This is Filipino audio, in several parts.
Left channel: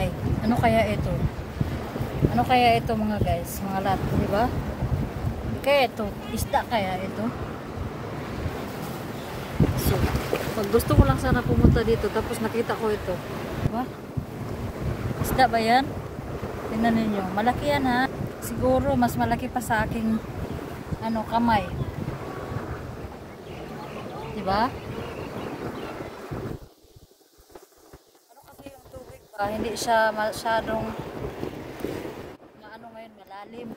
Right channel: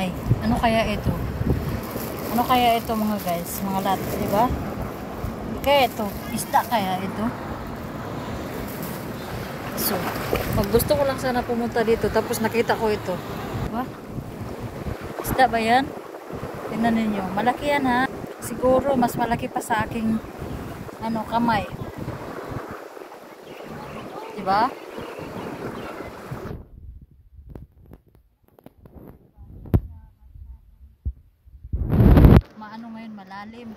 Ay, ano kaya ito? Ano kaya ito mga guys? Mga lat, di ba? Kaya ito, isda kaya ito? So, gusto ko lang sana pumunta dito tapos nakita ko ito. Diba? Isda ba yan? Tingnan ninyo. Malaki yan ha. Siguro mas malaki pa sa aking kamay. Diba? Ano kasi yung tubig ba? Hindi siya masyadong ngayon malalim.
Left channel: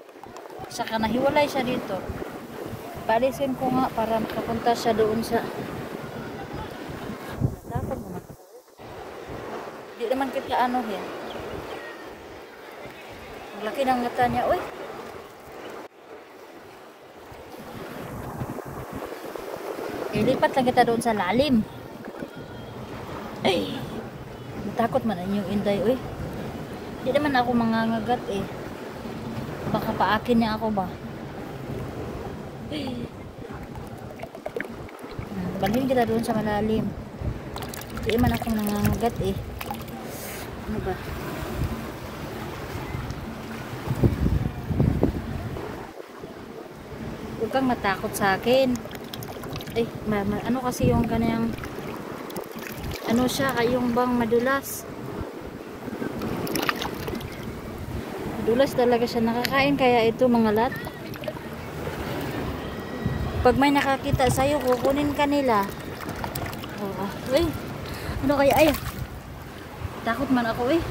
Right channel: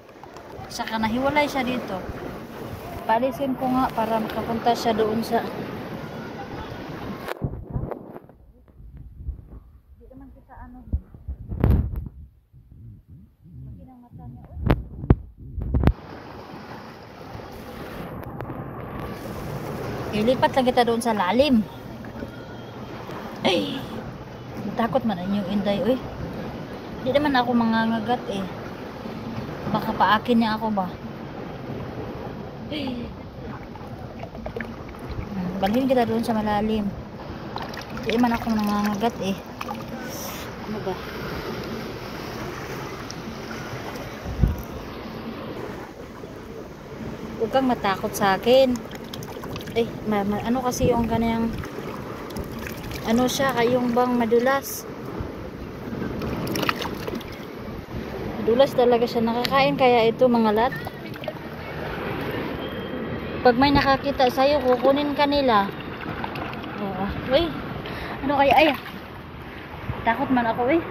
Saka nahiwalay siya dito. Paalisin ko nga para makapunta siya doon sa dapat mo. Hindi naman kita anuhin. Laki ng mata niya, uy. Ilipat lang kita doon sa lalim. Ay, natakot man ang yung inday, uy. Hindi naman ako mangangagat eh. Baka paakin niya ako ba? Balhin kita doon sa malalim. Hindi man ako nangangagat eh. Ano ba? Huwag kang matakot sa akin. Eh, ano kasi yung kanyang ano siya, yung bang madulas. Madulas talaga siya. Nakakain kaya ito mga lat? Pag may nakakita sa'yo, kukunin ka nila. Oh, uy, ano kaya? Ay, takot man ako eh.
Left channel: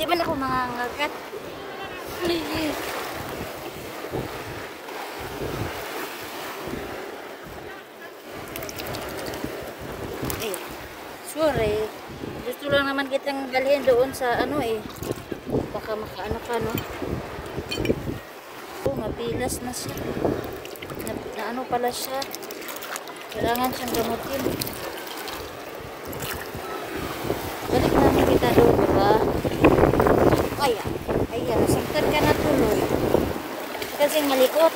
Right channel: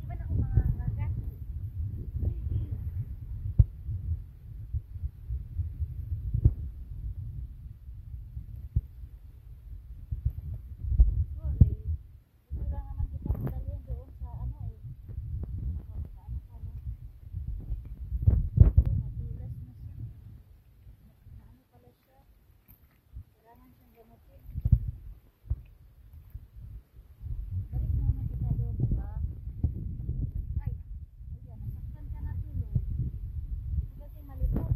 Di ba ako mangangagat? Eh, sorry. Gusto lang naman kitang galhin doon sa baka makaano ka, no? Oh, mapilas na siya. Na ano pala siya. Kailangan siyang gamutin. Balik namin kita doon, diba? Ay, nasaktan ka na tuloy. Kasing malikot.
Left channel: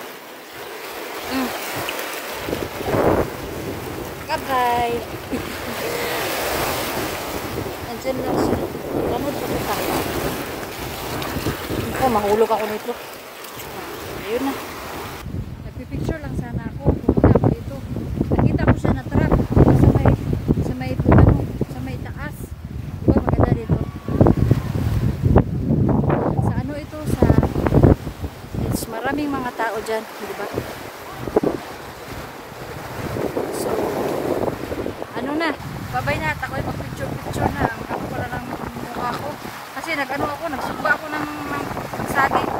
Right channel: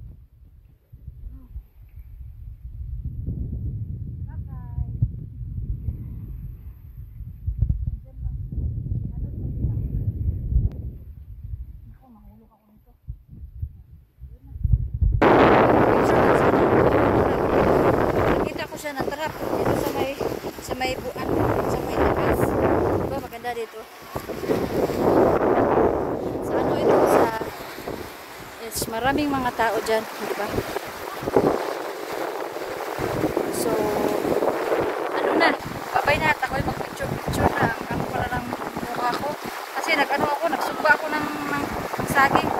Bye-bye. Nandiyan lang siya. Gamot sa kita. Oh, mahulog ako nito. Ayun na. Picture na sana. Nakita ko siya na trap dito sa may buwan, sa may taas. Diba maganda dito? Sa ito maraming mga tao dyan, diba? So, babay na. Ako'y mag-picture na. Ako pala ng mukha ko. Kasi nagsugba ako ng saging.